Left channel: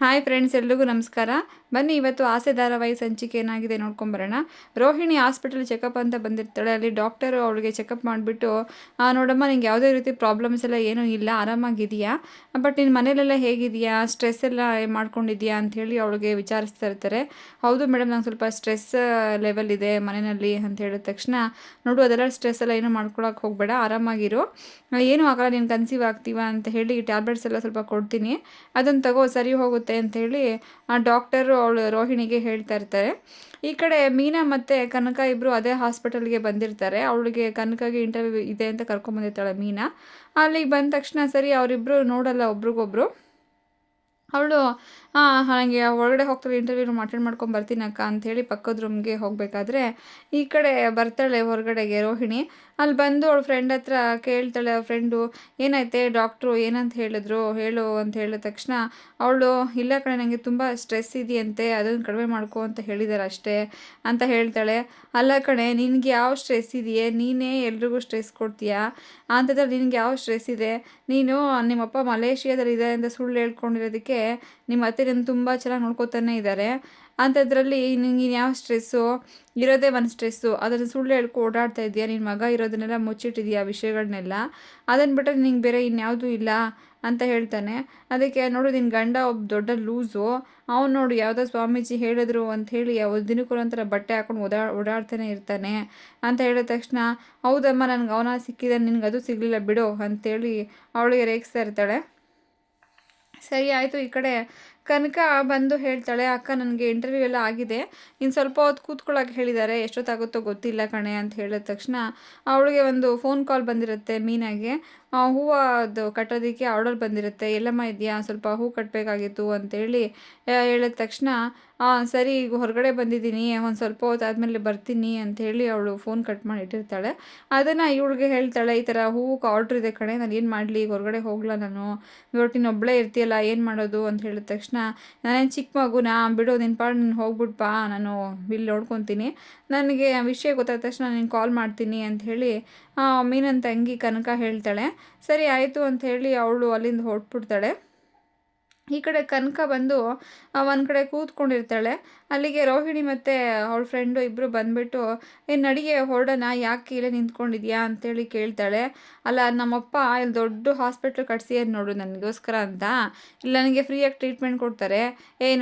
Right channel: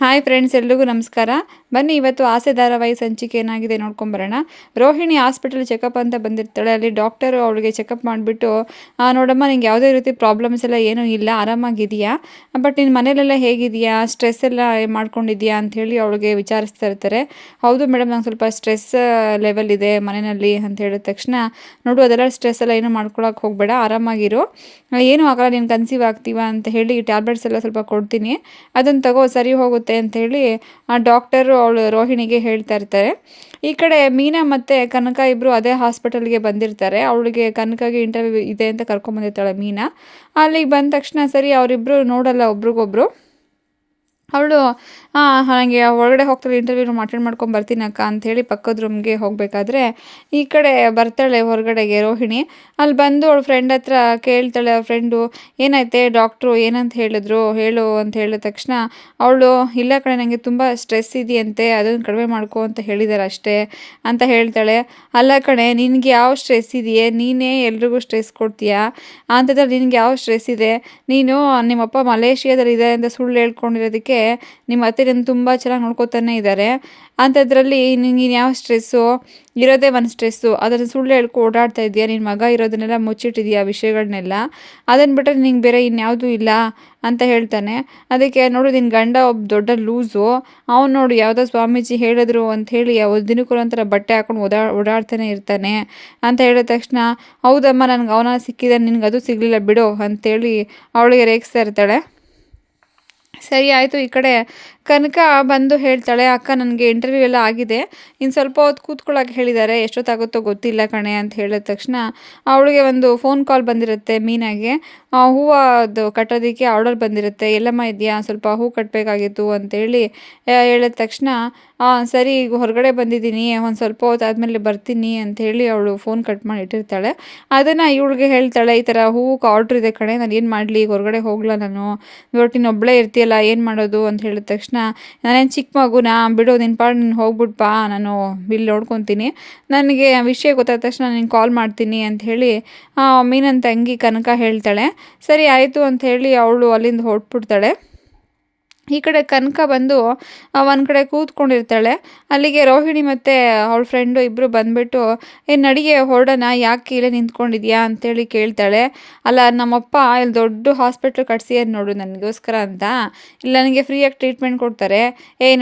Hi friends, ಎಲ್ರಿಗೂ ನಮಸ್ಕಾರ. ಬನ್ನಿ ಇವತ್ತು ಆಸೆ ಧಾರಾವಾಹಿ ಸಂಚಿಕೆ ಏನಾಗಿದೆ ನೋಡ್ಕೊಂಬರೋಣ. ರೋಹಿಣಿ ಹಾಸ್ಪಿಟಲ್ ಚೆಕಪ್ ಅಂತ ಬಂದಿರ್ತಾಳೆ. ಅಲ್ಲಿ ಡಾಕ್ಟರು ಅವಳಿಗೆ ಚೆಕಪ್ ಮಾಡಿಬಿಟ್ಟು, ನೋಡಮ್ಮ ನಿಂಗೆ ಯಾವುದೇ ರೀತಿ ಪ್ರಾಬ್ಲಮ್ಸ್ ಎಲ್ಲ ಏನೂ ಇಲ್ಲ, ಆರಾಮಾಗಿದೆಯಾ, ಬಟ್ ನಿನ್ನ ಮನೇಲೆಲ್ಲ ಹೇಗಿದೆಯಾ, ಸ್ಟ್ರೆಸ್ ಎಲ್ಲ ಮಾಡ್ಕೊಂಡಿದ್ಯಾ ಅಂಥೇಳಿ ಅವಳಿಗೆ ವಿಚಾರಿಸ್ತಾ ಇರ್ತಾರೆ. ಹೌದು ಮೇಡಮ್, ನಂಗೆ ಸ್ವಲ್ಪ ಸ್ಟ್ರೆಸ್ ಲೆವೆಲ್ ಇದೆ ಮನೆಯಲ್ಲಿ ಅಂತ ಹೇಳಿದ ತಕ್ಷಣ, ನೋಡು ಅದೆಲ್ಲ ಸ್ಟ್ರೆಸ್ ಎಲ್ಲ ಏನೂ ಮಾಡ್ಕೊಳಕ್ಕೆ ಹೋಗಬೇಡ, ಆರಾಮಾಗಿರು, ಏನೂ ಆಗಲ್ಲ, ನೀನು ಕನ್ಸೀವ್ ಆಗ್ತೀವ ಅಂತ ಹೇಳಿ ಟ್ಯಾಬ್ಲೆಟ್ಸ್ ಎಲ್ಲ ಸ್ವಲ್ಪ ಕೊಡ್ತೀನಿ, ಅದನ್ನು ತಗೋ ಸರಿ ಹೋಗುತ್ತೆ ಅಂಥೇಳಿ ಆ ಡಾಕ್ಟರು ಅವಳು ರೋಹಿಣಿಗೆ ಹೇಳ್ತಾ ಇರ್ತಾರೆ. ಈ ಕಡೆ ಮೀನಾ ಮತ್ತು ಕನಕ ಇಬ್ಬರು ಅದೇ ಹಾಸ್ಪಿಟಲ್ಗೆ ಬಂದಿರ್ತಾರೆ. ಅವಳಿಗೆ ಕನಕಗೆ ಇಂಟರ್ವ್ಯೂ ಇದೆ ಅಂತ ಕರ್ಕೊಂಬಂದಿರ್ತಾಳೆ ಮೀನಾ. ಅಲ್ಲಿಗೆ ಬಂದ ತಕ್ಷಣ ಸರಿ ಅವರಿಬ್ಬರು ನೋಡಲ್ಲ ಒಬ್ರಿಗೊಬ್ರು. ಅವಳು ನನಗೆ ಒಳಗಡೆ ಹೋಗ್ತಾಳೆ, ಇಂಟರ್ವ್ಯೂ ಅಟೆಂಡ್ ಮಾಡ್ಕೊಂಡು ಬರ್ತೀನಿ ಅಕ್ಕ ಅಂಥೇಳಿ ಪಕ್ಕದ ರೂಮ್ಗೆ ಹೋಗಬೇಕಾದ್ರೆ ಈ ಕಡೆ ಬರ್ತಾಳೆ ಹೊರಗಡೆಗೆ ರೋಹಿಣಿ. ಅಲ್ಲಿ ಬಂದು ಅವಳ ಫ್ರೆಂಡ್ ಹತ್ರ ಕೇಳ್ತಾಳೆ. ಅವ್ರ ಫ್ರೆಂಡು, ಏನಾಯ್ತೆ ಡಾಕ್ಟ್ರು ಏನಂತ ಹೇಳಿದ್ರು ಹೇಳು ಅಂತ ಹೇಳಿದ ತಕ್ಷಣ ಅವಳು, ಇಲ್ಲ ಕಣೆ ನನಗೆ ತುಂಬ ಸ್ಟ್ರೆಸ್ ಇದೆಯಂತೆ, ಅದನ್ನು ಕಡಿಮೆ ಮಾಡ್ಕೊ ಅಂತ ಹೇಳಿದ್ದಾರೆ ಅಷ್ಟೇ ಅಂತ ಹೇಳ್ತಾಳೆ. ಅಲ್ಲ ಕಣೆ, ನಿನಗೆ ಯಾವ ಸ್ಟ್ರೆಸ್ ಇದೆಯೇ, ನೀನೇ ಎಲ್ರಿಗೂ ಸ್ಟ್ರೆಸ್ ಕೊಡ್ತೀಯಾ, ಅಂಥದ್ರಲ್ಲಿ ನಿನಗೆ ಯಾವ ಸ್ಟ್ರೆಸ್ ಇದೆ, ನೀನು ನಿಮ್ಮಪ್ಪ ಮಲೇಷಿಯಾದಲ್ಲಿ ಇದ್ದಾರೆ ಅಂತ ಸುಳ್ಳು ಹೇಳ್ಕೊಂಡಿರೋದಕ್ಕೆ ನಿಮ್ಮ ಅತ್ತೆ ನಿನ್ನ ತುಂಬ ಚೆನ್ನಾಗಿ ನೋಡ್ಕೊತಾನೆ ಇದ್ದಾರೆ, ಅಂಥದ್ರಲ್ಲಿ ನಿನಗೆ ಯಾವ ಸ್ಟ್ರೆಸ್ಸು, ಇರೋದೇ ಒಂದು ಸ್ಟ್ರೆಸ್ಸು, ಅದನ್ನು ಸುಳ್ಳು ಹೇಳ್ಕೊ ಓಡಾಡ್ತಾ ಇದೆಯಾ, ನಿನ್ನ ಮಗ ಇರೋದನ್ನೆಲ್ಲ ಮುಚ್ಚಿಟ್ಟಿದೆಯಾ ವಿಷಯಗಳನ್ನೆಲ್ಲ, ಅದನ್ನು ಬಿಟ್ಟರೆ ನಿಂಗೆ ಬೇರೆ ಇನ್ಯಾವುದೂ ಇಲ್ಲ ಅಂತ ಹೇಳ್ತಾನೆ. ಅದಕ್ಕೆ ನೋಡು, ನಿನ್ನ ಗಂಡ ಒಬ್ಬ ದೊಡ್ಡ ಲೂಸು, ಅವ್ನು ನೋಡು ಯಾವುದೋ ಸ್ವಾಮೀಜಿ ಹೇಳಿದ್ರು ಅಂಥೇಳಿ ದಿನಕ್ಕೊಂಥರ ಬಟ್ಟೆ ಹಾಕೊಂಡು ಓಡಾಡ್ತಾನೆ ಇರ್ತಾನೆ ಅಂತ ಹೇಳಿದ ತಕ್ಷಣ, ಹೌದಮ್ಮ ನನಗೆ ಅವನ ಸಿಕ್ಕಿದ, ನಿನಗೆ ಅದು ಸಿಗಲಿಲ್ಲ ಬಿಡು ಅಂಥೇಳಿ ಅವಳಿಗೆ ರೇಗಿಸ್ತಾ ಇರ್ತಾಳೆ. ಸರಿ ಆಯಿತು. ಈ ಕಡೆ ಕನಕ ಬಂದು ಹೇಳ್ತಾಳೆ, ಅಕ್ಕ ನನಗೆ ಇಂಟರ್ವ್ಯೂ ಎಲ್ಲ ಆಗಿದೆ, ಇನ್ನು ಸ್ವಲ್ಪ ಹೊತ್ತು ಕೂತ್ಕೊಳ್ಳೋಕೆ ಹೇಳಿದ್ದಾರೆ, ಎಷ್ಟೊತ್ತಾಗುತ್ತೋ ಗೊತ್ತಿಲ್ಲ ಕಣೆ ಅಂತ ಹೇಳಿದ ತಕ್ಷಣ ಅವಳಿಗೆ ಒಂದು ಫೋನ್ ಕಾಲ್ ಬಂದಿರುತ್ತೆ ಮೀನಾಗೆ. ಹೂವು ಕಟ್ಟೋದಕ್ಕೆ ಆರ್ಡರ್ ಬಂದಿರುತ್ತೆ. ಎಲ್ಲಮ್ಮ ಇದೆಯಾ, ಸ್ವಲ್ಪ ಹೂ ಕಟ್ಟಬೇಕಾಗಿತ್ತು ಅಂತೇಳಿ ಹೇಳಿದ ತಕ್ಷಣ, ಸರಿ ಈಗ ಹೊರಗಡೆ ಬಂದಿದ್ದೀನಿ, ಒಂದು ಸ್ವಲ್ಪ ಹೊತ್ತು ಆದಮೇಲೆ ಬರ್ತೀನಿ ಅಂಥೇಳಿ ಅವಳು ಫೋನ್ ಕಟ್ ಮಾಡಿ ಇಟ್ಟಿರ್ತಾಳೆ. ಅದನ್ನು ಇವಳಿಗೆ ಹೇಳ್ತಾಳೆ, ಈ ಥರ ಹೂವು ಆರ್ಡ್ರ್ ಇದೆ ಕಣೆ, ನಾನು ಏನು ಮಾಡಲಿ, ಈಗ ಹೊರಗಡೆ ಹೋಗಲ್ಲ ನಾನು, ಇವತ್ತು ಒಬ್ಬಳೇ ಇರ್ತೀಯಲ್ಲ ಏನು ಮಾಡೋದು ಅಂತ ಹೇಳಿದ ತಕ್ಷಣ, ನಾನೇನು ಚಿಕ್ಕ ಮಗುನಾ, ಬಿಡು ನಿನ್ನ ಪಾಡು ನೀನು ಹೋಗ್ಬಿಟ್ಪಾ, ನಾನು ಇಲ್ಲಿ ನೋಡ್ಕೊತೀನಿ, ನನಗೆ ವಿಷಯ ಗೊತ್ತಾದ ತಕ್ಷಣ ನಿನಗೆ ಕಾಲ್ ಮಾಡ್ತೀನಿ ಅಂಥೇಳಿ ಮೀನನ್ ತಂಗಿ ಕನಕ ಹೇಳ್ತಾಳೆ. ಸರಿ ಆಯಿತು ಅಂಥೇಳಿ ಅವಳು ಅಲ್ಲಿಂದ ಹೊರಟ್ಬಿಡ್ತಾಳೆ. ಈ ಕಡೆ ಕನಕ ಬಂದು ಒಂದು ಕಡೆ ಕೂತ್ಕೊಂಡಿರ್ತಾಳೆ. ಅಲ್ಲಿಗೆ ರೋಹಿಣಿ ಮತ್ತು ಅವಳ ಫ್ರೆಂಡು ಇಬ್ಬರು ಬಂದುಬಿಟ್ಟು, ನಡಿಗೆ ಹೊರಡೋಣ, ಯಾಕೆ ಇಲ್ಲೇ ನಿಂತ್ಕೊಂಡಿದ್ಯಾ ಅಂತೇಳಿ ಕೇಳ್ತಾಳೆ. ಅಲ್ಲ, ನಮ್ಮಪ್ಪ ಇಲ್ಲಿ ದೊಡ್ಡ ಹಾಸ್ಪಿಟ್ಲ್ ಕಟ್ಸಿಯದು ನೋಡು ನನಗೋಸ್ಕರ ಅಂತ, ಇಲ್ಲಿ ನನಗೆ ಫ್ರೀಯಾಗಿ ಟ್ರೀಟ್ಮೆಂಟ್ ಕೊಡ್ತಾರೆ,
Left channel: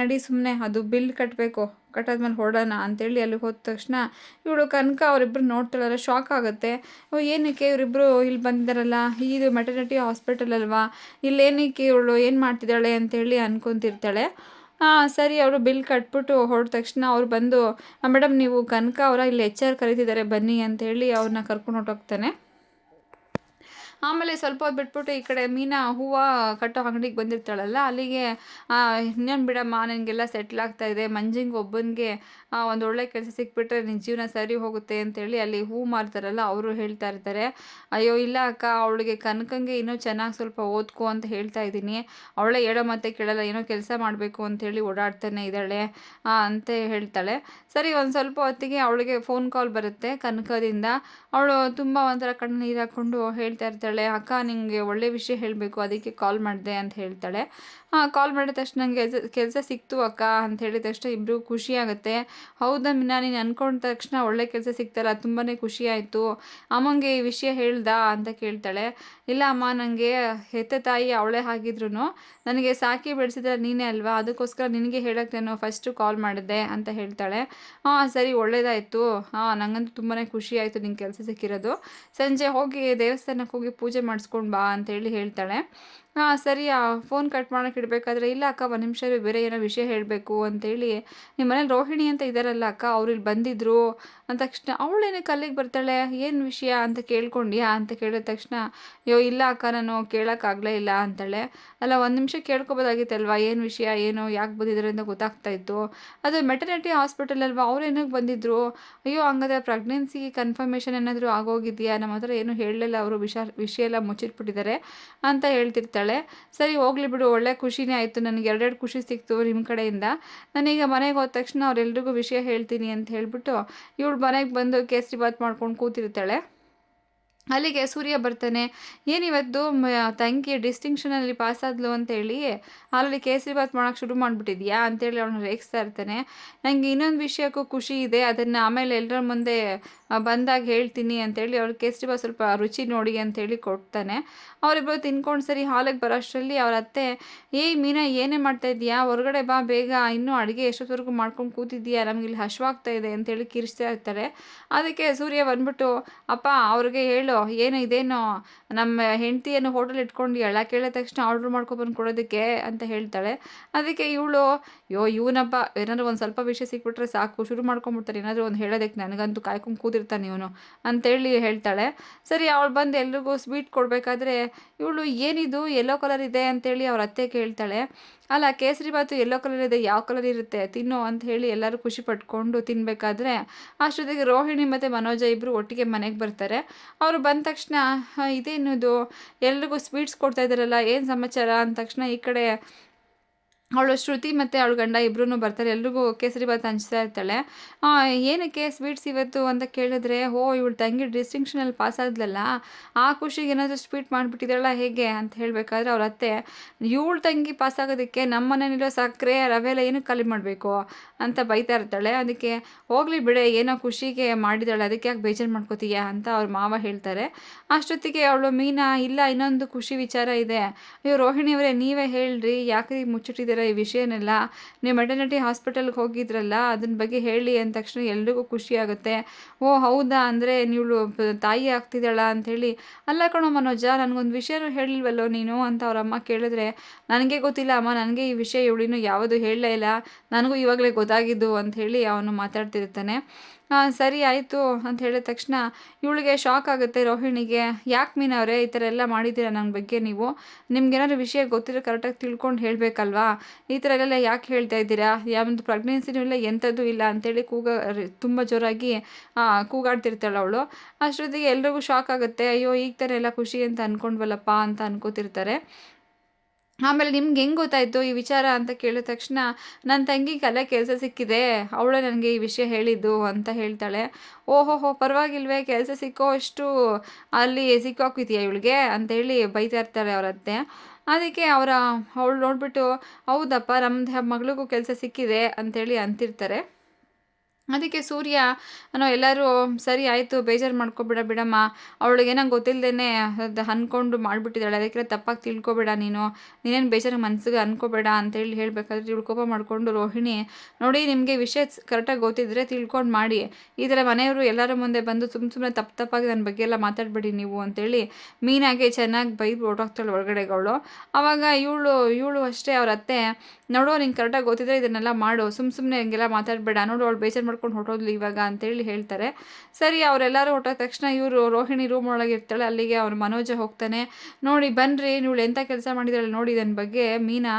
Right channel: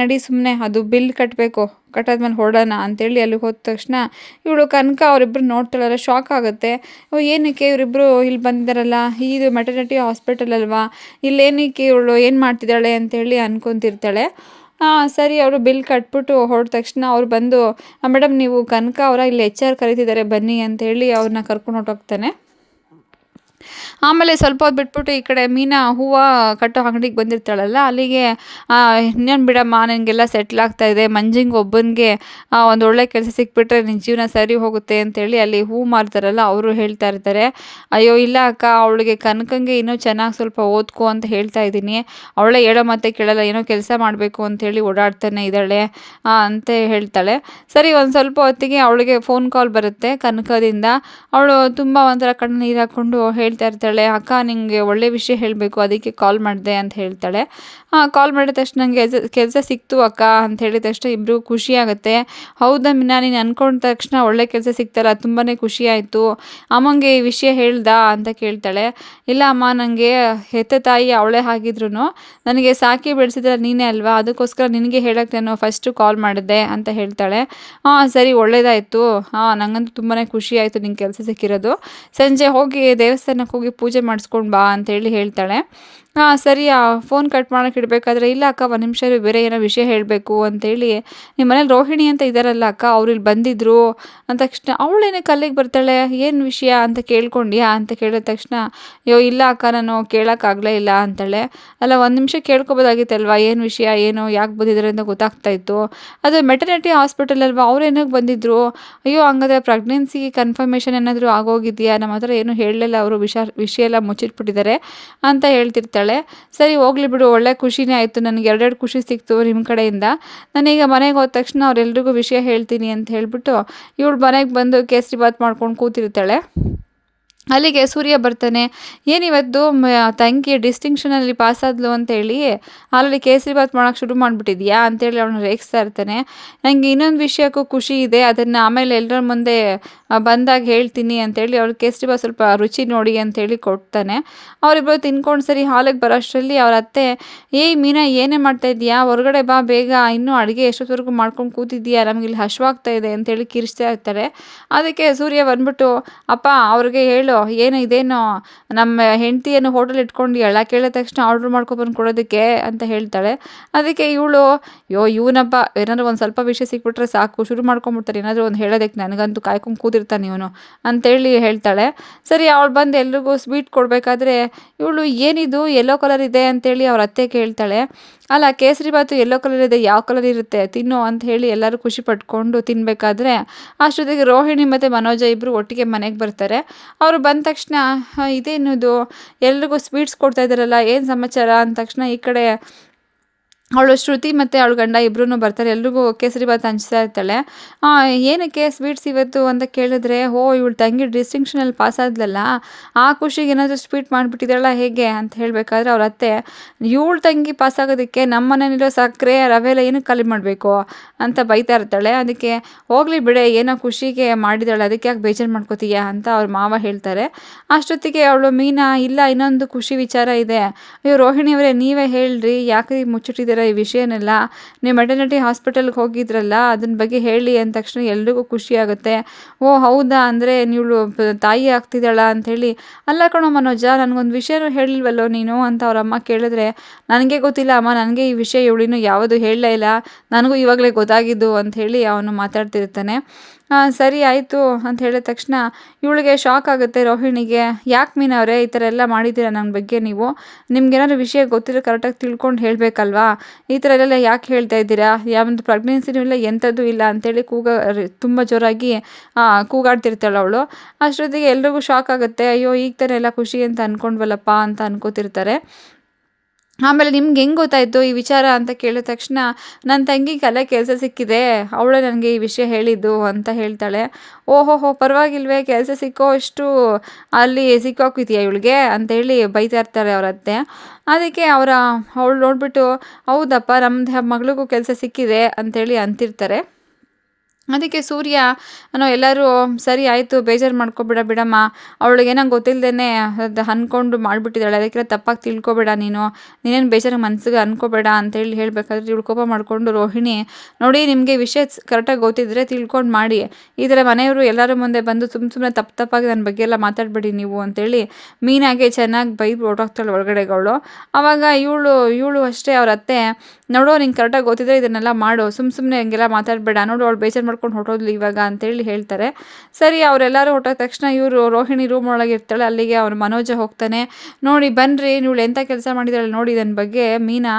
ನಡಿ ಸುಮ್ಮನೆ, ಅದು ಬಿಲ್ ಕಟ್ಟಬೇಕು, ಕಟ್ಟಾದ್ಮೇಲೆ ಹೊರಡೋಣ ಅಂತೇಳಿ ಅಲ್ಲಿಗೆ ಹೋದ ತಕ್ಷಣ ಇವಳು ಕನಕ ಅವರಿಬ್ಬರು ನೋಡ್ತಾಳಲ್ಲ, ಶಾಕ್ ಆಗುತ್ತೆ. ಏನಕ್ಕೆ ಇವರಿಬ್ಬರು ಇಲ್ಲಿ ಬಂದಿದ್ದಾರಲ್ಲ, ಇದು ಮೆಟರ್ನಿಟಿ ಹಾಸ್ಪಿಟಲ್ ಅಲ್ವಾ, ಇಲ್ಲೇನಕ್ಕೆ ಇವಳು ಏನು ಮಾಡ್ತಿದ್ದಾಳೆ ಅಂತೇಳಿ ಅನ್ಕೊತಿರ್ತಾಳೆ. ಸರಿ ಅವರು ಬಿಲ್ ಕಟ್ಬಿಟ್ಟು ಹೊರಟ ತಕ್ಷಣ ಅವ್ರು ಬಂದು, ಮೇಡಮ್ ನೀವು ಕನಕ ಅವರ, ಇಲ್ಲಿ HR ಕರೀತಿದ್ದಾರೆ ಬನ್ನಿ ಅಂತೇಳಿ ಅವ್ರನ್ನ ಕರ್ಕೊಂಡು ಹೊರಟೋಗ್ತಾನೆ. ಆಮೇಲೆ ಸ್ವಲ್ಪ ಹೊತ್ತು ಬಿಟ್ಬಿಟ್ಟು ಈ ಕಡೆ ಮೀನಾ ಹೂವು ಕಟ್ಟೋ ಅಂಗಡಿಗೆ ಬಂದಿರ್ತಾಳಲ್ಲ, ಅಲ್ಲಿಗೆ ಇನ್ನೇನು ಬಿಡಮ್ಮ, ನನಗೆಲ್ಲ ಸೆಟ್ಲ್ ಆಗ್ತಾಯಿದೆ, ಮಂಜಿಂಗ್ ಒಬ್ಬನಿಗೆ ಒಂದು ಒಳ್ಳೆ ಕೆಲಸ ಸಿಕ್ಬಿಟ್ರೆ ನಿನ್ನ ಜೀವನ ಸರಿ ಹೋಗುತ್ತೆ ಅಂತೇಳಿ ಅಲ್ಲಿ ಹೂ ಮಾರ್ತಾರಲ್ಲ ಅವರು ಹೇಳ್ತಾ ಇರ್ತಾರೆ. ಅಯ್ಯೋ ಇಲ್ಲ ಅಕ್ಕ, ಅವಳಿಗೆ ಕನಕಂಗೆ ಇನ್ನೂ ಚೆನ್ನಾಗಿ ಸ್ವಲ್ಪ ಓದ್ಕೋ ಅಂತ ಹೇಳ್ತಾ ಇದ್ದೀನಿ, ಅವಳೇ ಹೇಳೋ ಮತ್ತೆ ಕೇಳಲ್ಲ, ಏನೋ ಕೆಲಸ ಮಾಡಬೇಕು ಅಂಥೇಳಿ ಓಡಾಡ್ತಾನೆ ಇದ್ದಾಳೆ ಅಂತ ಹೇಳ್ತಾಳೆ. ಸರಿ ಒಂದು ಸ್ವಲ್ಪ ಹೊತ್ತಿಗೆ ಅವಳಿಗೆ ಫೋನ್ ಕಾಲ್ ಬರುತ್ತೆ ಕನಕದಿಂದ. ಅವಳು ತುಂಬ ಒಂಥರ ಕಣ್ಣು ನೀರು ಹಾಕ್ಕೊಂಡು ಹೇಳ್ತಾ ಇರ್ತಾಳೆ, ಅಕ್ಕ ನಿಮಗೆ ಒಳ್ಳೆ ವಿಷಯ ಹೇಳಬೇಕು, ಅದಕ್ಕೆ ಕಾಲ್ ಮಾಡಿದೆ ಅಂತ ಹೇಳ್ತಾಳೆ. ಕಾಲ್ ಮಾಡಿದ ತಕ್ಷಣ ನನಗೆ ಕೆಲಸ ಸಿಕ್ತು ಅಕ್ಕ ಅಂತ ಹೇಳಿದ ತಕ್ಷಣ ಇಬ್ಬರಿಗೂ ಖುಷಿ ಆಗುತ್ತೆ. ಹೌದಾ ಮೀನಾ, ನೀನು ಅಂದ್ಕೊಂಡ ತಕ್ಷಣ ಒಳ್ಳೆ ಕೆಲಸ ಸಿಕ್ತಲ್ಲ, ತುಂಬಾ ಖುಷಿ ಆಯಿತು, ಅಮ್ಮಂಗೆ ಈ ವಿಷಯ ಹೇಳ್ದಾ ಅಂತ ಕೇಳ್ತಾಳೆ. ಇಲ್ಲ ಅಮ್ಮ, ನನಗೆ ಹೆತ್ತ ತಾಯಿ ಅವಳೇ ಆಗಿದ್ರು ನನಗೆ ಸಾಕಿ ಬೆಳೆಸಿದ್ರೆ ನೀನೇ ಅಲ್ವಾ, ಅದಕ್ಕೋಸ್ಕರ ನಿನಗೆ ಹೇಳೋಕ್ಕೆ ನಾನು ಫಸ್ಟು ಕಾಲ್ ಮಾಡಿದ್ದೆ ಅಂತ ಹೇಳ್ತಾಳೆ. ಸರಿ ಒಳ್ಳೇದಾಯಿತು, ನನಗಂತೂ ತುಂಬಾ ಖುಷಿ ಆಯಿತು ನಿಂಗೆ ಕೆಲಸ ಸಿಕ್ಕಿರೋದು, ಸಂಜೆ ಹೋಗಿ ದೇವಸ್ಥಾನಕ್ಕೆ ಹೋಗಿ ಪೂಜೆ ಮಾಡಿಸ್ಕೊಂಡು ಬಾ ಅಂತೇಳಿ ಹೇಳ್ತಾಳೆ. ಸರಿ ಫೋನ್ ಕಟ್ ಮಾಡೋಕೆ ಇಡಬೇಕಾದ್ರೆ, ಇಲ್ಲ ಅಕ್ಕ ಒಂದು ನಿಮಿಷ ಬೇರೆ ಏನೋ ವಿಷಯ ಹೇಳಬೇಕು ಅಂತೇಳಿ, ನಿಮ್ಮ ಮನೇಲಿ ರೋಹಿಣಿ ಅಂತ ಇದ್ದಾರಲ್ಲ ಅಕ್ಕ, ಅವ್ರು ಇಲ್ಲಿ ಬಂದಿದ್ದರು ಅಂದ ತಕ್ಷಣ ಅವಳೇನಕ್ಕೆ ಅಲ್ಲಿಗೆ ಬರ್ತಾಳೆ, ಏನು ವಿಷಯ ಅಂತ ಕೇಳ್ಕೊಂಡ್ಯಾ ಅಂತ ಕೇಳಿದ ತಕ್ಷಣ, ಅಯ್ಯೋ ಇಲ್ಲ ಅಕ್ಕ, ನಾನು ಕೇಳೋಕ್ಕಾಗಲೇ ಇಲ್ಲ ಅಂತಾಳೆ. ಅಲ್ಲ ಒಂದು ನಿಮಿಷ ಕೇಳ್ಕೊಬೋದಾಗಿತ್ತಲ್ವ, ಏನು ವಿಷಯ, ಏನು ಯಾಕೆ ಬಂದಿದ್ದಾರೆ ಅಂತ ಗೊತ್ತಾಗ್ತಾ ಇತ್ತು, ಅದು ಮೆಟರ್ನಿಟಿ ಹಾಸ್ಪಿಟಲ್ ಅಲ್ವಾ, ಅವ್ರು ಏನಕ್ಕೆ ಬಂದಿದ್ದರು, ಅಯ್ಯೋ ಹಂಗಾದ್ರೆ ಪ್ರೆಗ್ನೆನ್ಸಿ ಕನ್ಫರ್ಮೇಷನ್ ಏನಾದರೂ ಆಗೋಗಿದೆಯಾ, ನಮ್ಮ ಹತ್ರ ಏನು ಹೇಳಲಿಲ್ಲ, ಅವರು ವಿಷಯ ಎಲ್ಲ ಮುಚ್ಚಿಟ್ಬಿಟ್ಟಿದ್ದಾರೆ ಅಂತ ಹೇಳ್ತಿರ್ತಾಳೆ. ಸರಿ ಹೋಗ್ಲಿ ಬಿಡು, ಒಳ್ಳೆ ಖುಷಿನೇ ಆಯಿತು, ನನಗೆ ಎರಡೆರಡು ಖುಷಿ ಸಿಕ್ತು ನಿಮ್ಮ ಕಡೆಯಿಂದ, ನಾನೀಗ ಮನೆಗೆ ಹೋದ ತಕ್ಷಣ ಅವರೆಲ್ರಿಗೂ ವಿಷಯ ಹೇಳ್ತೀನಿ ಅಂತ ಹೇಳಿಬಿಟ್ಟು ಇವಳು ಮನೆಗೆ ಬಂದು ಕೇಸರಿ ಬಾತ್ ಮಾಡ್ಕೊಂಡು ಕೂತಿರ್ತಾಳೆ. ಅಲ್ಲಿಗೆ ಸೂರ್ಯ ಬರ್ತಾನೆ. "ಏನಿವತ್ತು ತಂಗಿ ಡಿಸ್ಟಿಂಕ್ಷನಲ್ಲಿ ಪಾಸಾದ್ಲು ಅಂತೇಳಿ ಆಲ್ರೆಡಿ ಕೇಸರಿಬಾತ್ ಮಾಡೋಕೆ ಶುರು ಮಾಡಿಬಿಟ್ಟಿದ್ಯಾ?" ಅಂತೇಳಿ ಅವಳನ್ನ ರೇಗಿಸ್ತಾ ಇರ್ತಾನೆ. "ನನಗೆ ಇನ್ನೊಂದು ವಿಷಯಕ್ಕೂ ಖುಷಿ ಇದೆ, ಅದನ್ನು ಆಮೇಲೆ ಎಲ್ಲರ ಮುಂದೆ ಬಂದಾಗ ಹೇಳ್ತೀನಿ" ಅಂತೇಳಿ ಅವ್ಳಿಗೆ ಕೇಸರಿಬಾತ್ ಸ್ವಲ್ಪ ರುಚಿ ನೋಡಿ ಅಂತೇಳಿ ಕೊಡ್ತಾನೆ. ಅವರಿಬ್ಬರು ತಿನ್ಕೊಂಡು ಸರಿ ಹಾಲಿಗೆ ಬರೋ ಅಷ್ಟರಲ್ಲಿ ಅವ್ರ ಅತ್ತೆ, "ಏಯ್ ಮೀನಾ, ಏನೇ ಮಾಡ್ತಾ ಇದೀಯಾ? ಹೊರಗಡೆ ಬಾ ಬೇಗ, ಇನ್ನೂ ಅಡುಗೆ ಎಷ್ಟೊತ್ತವರೆಗೂ ಮಾಡ್ಕೊಂಡು ಕೂತಿದ್ದೀಯಾ? ನಮಗಿಲ್ಲಿ ಹಶ್ವಾಗ್ತಾ ಇದೆ" ಅಂತೇಳಿ ಕಿರಿಚ್ತಾ ಇರ್ತಾರೆ. ಅದಕ್ಕೆ ಸೂರ್ಯ ಬಂದ್ಬಿಟ್ಟು, "ಅಪ್ಪ ಅವ್ರಿಗೆ ಹೇಳು, ಇದೇನು ನಮ್ಮ ಹೆಂಡತಿಯನ್ನು ಹೋಟೆಲ್ ಇಟ್ಕೊಂಡಿಯಾಳ, ಕೇಳಿದ ತಕ್ಷಣ ಆರ್ಡ್ರ್ ಮಾಡ್ಕೊಬಂದು ಕೊಡೋದಕ್ಕೆ" ಅಂತ ಹೇಳ್ತಾಳೆ. ಅದಕ್ಕೆ ಇವಳು, ಇವನಪ್ಪ ಏನಾದ್ರು ಒಂದು ಸ್ವಲ್ಪ ವಿಷಯ ಸಿಕ್ಬಿಟ್ರೆ ಸಾಕು, ಶುರು ಮಾಡ್ಕೊಂಬಿಡ್ತಾರೆ ಏನಾದರೂ ಒಂದು ಹೇಳೋದಕ್ಕೆ, ನನಗಂತೂ ಕಾಯ್ಕೊಂಡು ಕೂತಿರ್ತಾನೆ ಇವನು ಅಂತೇಳಿ ಹೇಳ್ತಾಳೆ. ಸರಿ, ಅವಳು ಬಂದು ಎಲ್ರಿಗೂ ಸ್ವೀಟ್ ಕೊಡಬೇಕಾದ್ರೆ ಇವಳು, "ಏನಿದು ಯೆಲ್ಲೋ ಕಲರ್ ಇದೆ" ಅಂತೇಳಿ ಅವ್ರ ಅತ್ತೆ ಕೇಳ್ತಾಳೆ. "ಅಲ್ಲ, ಕೇಸರಿಬಾತು ಯೆಲ್ಲೋ ಕಲರ್ ಇದೆ, ಯಾವ ಕಲರ್ ಇರುತ್ತೆ, ತಿನ್ನು" ಅಂತ ಹೇಳಿ ಎಲ್ಲರೂ ಖುಷಿ ಪಟ್ಕೊಂಡು ತಿನ್ನಬೇಕಾದ್ರೆ ಅಷ್ಟೊತ್ತಿಗೆ ರೋಹಿಣಿ ಮತ್ತು ಮನೋಜ ಇಬ್ಬರು ಒಟ್ಟಿಗೆ ಮನೆಗೆ ಬರ್ತಾರೆ. ಅವರು ಬಂದ ತಕ್ಷಣ, "ಇದೇನು ಇದು, ಎಲ್ರಿಗೂ ಸ್ವೀಟ್ಸ್ ಕೊಡ್ತಾ ಇದ್ದಾರಲ್ಲ, ಏನು ಸಮಾಚಾರ" ಅಂದ ತಕ್ಷಣ ಈ ಕಡೆ ಅವಳು ಶ್ರುತಿ ಮತ್ತು ಅವಳ ಗಂಡ ಇಬ್ಬರೂ ಬರ್ತಾರೆ. ಎಲ್ರಿಗೂ ಕೇಸರಿಬಾತ್ ಹಂಚ್ತಾ ಇರ್ತಾಳೆ. "ಏನಕ್ಕೆ ಸ್ವೀಟ್ಸ್ ಇವತ್ತು" ಅಂತ ಕೇಳಿದ್ರೆ, ಇವಳು ತಂಗಿ ಡಿಸ್ಟಿಂಕ್ಷನಲ್ಲಿ ಪಾಸಾದ್ಲಲ್ಲ, ಆ ಖುಷಿಗೆ ಏನಾದರೂ ಸ್ವೀಟ್ ಮಾಡಿಬಿಟ್ಟಿದ್ದಾಳ ಹೇಗೆ ಅಂತ ಹೇಳಬೇಕಾದ್ರೆ ಅವ್ರ ಅತ್ತೆ, "ಇವಳು ತಂಗಿ ಪಾಸಾಗೋದಕ್ಕೆ ನಮ್ಮ ಮನೇಲಿರೋ ಸಕ್ಕರೆ ರವೆ ಎಲ್ಲ ಏನಕ್ಕೆ ಖಾಲಿ ಮಾಡಬೇಕು" ಅಂತ ಬೈತಾ ಇರ್ತಾಳೆ. ಅದಕ್ಕೆ, "ಹೋಗಲಿ ಬಿಡೆ, ಏನೋ ಖುಷಿಗೆ ಮಾಡಿದಾಳೆ, ಅದಕ್ಕೆ ಯಾಕೆ ಬೇಜಾರು ಮಾಡ್ಕೋತೀಯಾ" ಅಂತ ಅವ್ರ ಮಾವ ಹೇಳ್ತಾರೆ. ಅಷ್ಟೊತ್ತಿಗೆ ಅವಳು ಮೀನಾ, "ಇಲ್ಲ, ಇನ್ನೊಂದು ಖುಷಿ ವಿಚಾರ ಇದೆ. ಅಯ್ಯೋ ರೋಹಿಣಿಯವರೇ, ನೀವೇ ಹೇಳ್ರಿ, ಯಾಕೆ ಮುಚ್ಚಿಟ್ಟಿದ್ದೀರಾ ಈ ವಿಷಯನೆಲ್ಲ? ನೀವು ಮೆಟರ್ನಿಟಿ ಹಾಸ್ಪಿಟಲ್ಗೆ ಹೋಗಿದ್ರಲ್ಲ, ಅದನ್ನ ಬಗ್ಗೆ ಹೇಳಿ" ಅಂದ ತಕ್ಷಣ ಎಲ್ರಿಗೂ ಖುಷಿ ಆಗುತ್ತೆ. "ಓ ಹೌದಾ, ಅಂದರೆ ನೀವು ತಾಯಿ ಆಗ್ತಿದ್ದಾಳ" ಅಂಥೇಳಿ. "ಅಲ್ಲ ಕಣೋ ಮನೋಜ, ನನಗೊಂದು ವಿಷಯನೂ ಹೇಳಿಲ್ವಲ್ಲೋ ನೀನು" ಅಂತ ಅವರಮ್ಮ ಕೇಳಿದ್ರೆ, "ನನಗೆ ಗೊತ್ತಿಲ್ಲ ಅಮ್ಮ, ನನಗೆ ಈ ವಿಷಯ ಇವಳಿನ್ನೂ ಯಾವುದೂ ಹೇಳಲೇ ಇಲ್ಲ, ನನಗೂ ಇವಾಗಲೇ ಗೊತ್ತಾಗಿದ್ದು" ಅಂಥೇಳಿ ಅವನು ಮಾತಾಡ್ತಿರ್ತಾನೆ. ಸರಿ ಆಯಿತು ಅಂತ ಹೇಳಿದ ತಕ್ಷಣ ಇವಳಿಗೆ ಶಾಕ್ ಆಗುತ್ತೆ ರೋಹಿಣಿಗೆ. "ಯಾಕೆ ಮೀನಾ ಅವರೇ, ಈ ಥರ ಎಲ್ಲ ಮಾಡಿದ್ದೀರಾ ನನ್ನ ಬಗ್ಗೆ ನೀವು? ನಿಮ್ಗೇನಾದ್ರು ವಿಷಯ ಗೊತ್ತಿರೋ ಕರೆಕ್ಟಾಗಿ ತಿಳ್ಕೊಂಡು ಹೇಳಬೇಕಲ್ವಾ? ಈ ಥರ ಎಲ್ಲ ಯಾಕೆ ಹೇಳ್ತಾ ಇದ್ದೀರಾ? ಯಾವೊಂದು ಪ್ರೆಗ್ನೆನ್ಸಿನೂ ಇಲ್ಲ, ಎಂಥದ್ದೂ ಇಲ್ಲ" ಅಂತೇಳಿ ತುಂಬ ಜೋರಾಗಿ ಕೂಗಾಡ್ತಿರ್ತಾಳೆ ಅವಳು. ಅಷ್ಟೊತ್ತಿಗೆ ಎಲ್ರಿಗೂ ಶಾಕ್ ಆಗುತ್ತೆ. ಅಯ್ಯೋ, ಈಗ ತಾನೇ ಎಲ್ಲ ಖುಷಿ ಅಂತ ಅಂದ್ಕೊಂಡ್ವಲ್ಲಪ್ಪ ಅಂತ ಅನ್ಕೋತಿರ್ತಾರೆ. ಆಮೇಲೆ, "ನಿಮ್ಗೆ ಹೆಂಗೆ ಗೊತ್ತಾಯಿತು ಈ ವಿಚಾರ" ಅಂತ ಕೇಳಿದ ತಕ್ಷಣ, "ನನ್ನ ತಂಗಿಗೆ ಅಲ್ಲೇ ಕೆಲಸ ಸಿಕ್ಕಿದೆ, ಅವಳೇ ನನಗೆ ಈ ವಿಷಯ ಹೇಳಿದ್ದು" ಅಂತ ಹೇಳ್ತಾಳೆ. "ಓಹೋಹೋ, ಪರವಾಗಿಲ್ವೇ, ಕೆಲಸ ಸಿಕ್ಕೋ ಅಷ್ಟು ಅಲ್ಲಿ ಸಿಕ್ಕಾಕಿದೆಯಾ ಇವಳಿಗೆ" ಅಂತೇಳಿ ಬೈತಾ ಇರ್ತಾರೆ ಅವ್ರ ಅತ್ತೆ. ಅದಕ್ಕೆ ಅವಳು ನೋಡಿಬಿಟ್ಟು, "ಹೌದಪ್ಪ, ನಮ್ಮದು ಮಗಳಿಗೂ ಕೆಲಸ ಸಿಕ್ಕಿದೆ" ಅಂತೇಳಿ ಅಂತಿರ್ತಾರೆ. ಅದಕ್ಕೆ ಸೂರ್ಯ ಎಲ್ಲರೂ, "ಸರಿ ಆಯಿತು, ಬೇಜಾರು ಮಾಡ್ಕೊಬೇಡ ಬಿಡಮ್ಮ, ಅವಳಿಗೇನೋ ಗೊತ್ತಿಲ್ಲದೇ ಅದು ಅಂದ್ಕೊಂಡು ಮಾಡಿಬಿಟ್ಟಿದ್ದಾಳೆ, ಅದಕ್ಕೆಲ್ಲ ತಪ್ಪಾಗಿ ತಿಳ್ಕೊಬೇಡ ನೀನೇನು ಬೇಜಾರು ಮನಸ್ಸಿಗೆ ಅಂದ್ಕೋಬೇಡ" ಅಂತೇಳಿ ಹೇಳಬೇಕಾದ್ರೆ ಇವಳು ಕೋಪ ಮಾಡಿಕೊಂಡು, "ರೋಹಿಣಿ ನೋಡಿ, ನಿಮಗೆ ವಿಷಯ ಕರೆಕ್ಟಾಗಿ ಗೊತ್ತಿದ್ದರೆ ತಿಳ್ಕೊಂಡು ಮಾಡಿ, ಈ ಥರ ಮನೆಯವರು ಎಲ್ಲರ ಮುಂದೆ ಬಂದು ಸುಮ್ಮನೆ ತಪ್ಪಾಗಿ ನನ್ನ ಬಗ್ಗೆ ಎಲ್ಲ ಮಾತಾಡಬೇಡಿ ನೀವು" ಅಂತೇಳಿ ಮೀನಾಗೆ ಚೆನ್ನಾಗಿ ಬೈದು ಹೊರಟೋಗ್ತಾಳೆ ಒಳಗಡೆಗೆ ಅವಳು. ಆವಾಗ ಇವಳು ಅಷ್ಟೇ ಅವ್ರ ಅತ್ತೆ, "ನೋಡು, ನಿಂಗೆ ಕರೆಕ್ಟಾಗಿ ಗೊತ್ತಿದ್ದರೆ ಇದನ್ನೆಲ್ಲ ಮಾಡು, ಸುಮ್ಮನೆ ಹಿಂಗೆಲ್ಲ ಮಾತಾಡಬೇಡ, ನೋಡು ಅವಳು ಬೇಜಾರು ಮಾಡ್ಕೊಂಡು ಹೊರಟೋದ್ಲು ಇವಾಗ" ಅಂತೇಳಿ ಹೇಳ್ತಾರೆ. ಸರಿ, ಅವರೆಲ್ಲರೂ ಹೊರಟೋದ ತಕ್ಷಣ ರೋಹಿಣಿ ರೂಮ್ ಒಳಗೆ ಇರ್ತಾಳೆ. ಅಲ್ಲಿಗೆ ಅವ್ರು ಮನೋಜ ಹೋಗ್ತಾನೆ. "ನೋಡಿ ಬನ್ನಿರಿ, ಇವಳು ಎಂಥ ಕೆಲಸ ಮಾಡಿದಾಳೆ ನೋಡಿ, ಇದನ್ನ ಬಗ್ಗೆ ಮೀನಾ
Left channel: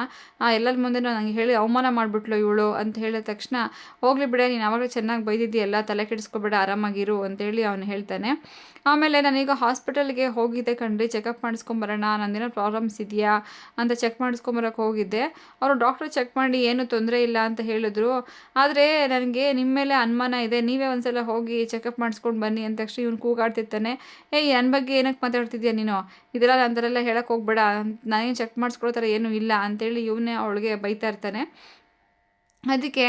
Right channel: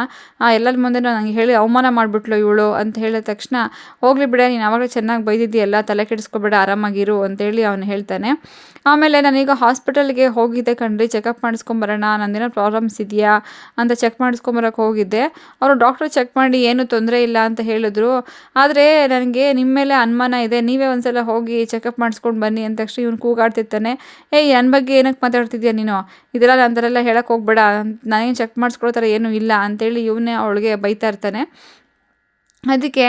ಎಲ್ಲರ ಮುಂದೆ ನನಗೆ ಹೇಳಿ ಅವಮಾನ ಮಾಡಿಬಿಟ್ಲು ಇವಳು" ಅಂತ ಹೇಳಿದ ತಕ್ಷಣ, "ಹೋಗಲಿ ಬಿಡ, ನೀನು ಆವಾಗಲೇ ಚೆನ್ನಾಗಿ ಬೈದಿದ್ದೀಯಲ್ಲ, ತಲೆ ಕೆಡಿಸ್ಕೊಬೇಡ, ಆರಾಮಾಗಿರು" ಅಂತೇಳಿ ಅವನು ಹೇಳ್ತಾನೆ. ಆಮೇಲೆ, "ನಾನೀಗ ಹಾಸ್ಪಿಟಲ್ಗೆ ಹೋಗಿದ್ದೆ ಕಣ್ರಿ, ಚೆಕಪ್ ಮಾಡಿಸ್ಕೊಂಬರೋಣ, ನಂದೇನೋ ಪ್ರಾಬ್ಲಮ್ಸ್ ಇದೆಯಾ ಅಂತ ಚೆಕ್ ಮಾಡಿಸ್ಕೊಂಬರೋಕೆ ಹೋಗಿದ್ದೆ. ಅವರು ಡಾಕ್ಟ್ರು ಚೆಕ್ ಮಾಡಿ ಏನೂ ತೊಂದರೆ ಇಲ್ಲ ಅಂತ ಹೇಳಿದ್ರು. ಆದರೆ ನನಗೆ ನಿಮ್ಮ ಮೇಲೆ ಅನುಮಾನ ಇದೆ, ನೀವೇ ಒಂದ್ಸಲ ಹೋಗಿ ಚೆಕಪ್ ಮಾಡಿಸ್ಕೊಂಡು ಬನ್ನಿ" ಅಂದ ತಕ್ಷಣ ಇವನು ಕೂಗಾಡ್ತಿರ್ತಾನೆ. "ಏಯ್, ನನ್ನ ಬಗ್ಗೆ ಏನಕ್ಕೆ ಮಾತಾಡ್ತಿದ್ಯಾ ನೀನು? ಇದೆಲ್ಲ ನನ್ನ ಥರ ಎಲ್ಲ ಹೇಳಕ್ಕೆ ಹೋಗ್ಬೇಡ, ನಾನೇನು ಚೆಕ್ ಮಾಡಿಸ್ಕೊಳ್ಳೋ ಥರ ಏನೂ ಇಲ್ಲ" ಅಂತೇಳಿ ಇವನೇ ಅವಳಿಗೆ ಬೈತಾ ಇರ್ತಾನೆ. ಅದಕ್ಕೆ,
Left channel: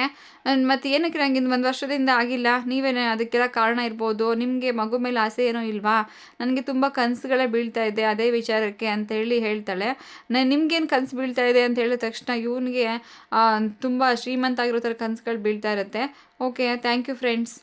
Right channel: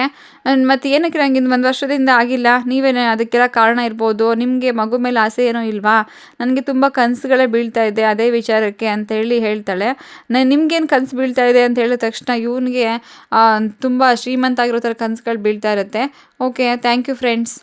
"ಮತ್ತು ಏನಕ್ಕೆ ನಂಗೆ 1 ವರ್ಷದಿಂದ ಆಗಿಲ್ಲ, ನೀವೇನೇ ಅದಕ್ಕೆಲ್ಲ ಕಾರಣ ಇರ್ಬೋದು, ನಿಮಗೆ ಮಗು ಮೇಲೆ ಆಸೆ ಏನೋ ಇಲ್ವಾ? ನನಗೆ ತುಂಬ ಕನಸುಗಳೇ ಬೀಳ್ತಾ ಇದೆ ಅದೇ ವಿಚಾರಕ್ಕೆ" ಅಂತೇಳಿ ಹೇಳ್ತಾಳೆ. "ನಿಮ್ಗೇನು ಕನಸು ಬೀಳ್ತಾ ಇದೆ" ಅಂತ ಹೇಳಿದ ತಕ್ಷಣ ಇವನಿಗೆ ತುಂಬ ಶ್ರೀಮಂತ ಆಗಿರೋ ಥರ ಕನಸುಗಳು ಬೀಳ್ತಾ ಇರುತ್ತೆ. Okay, thank you friends.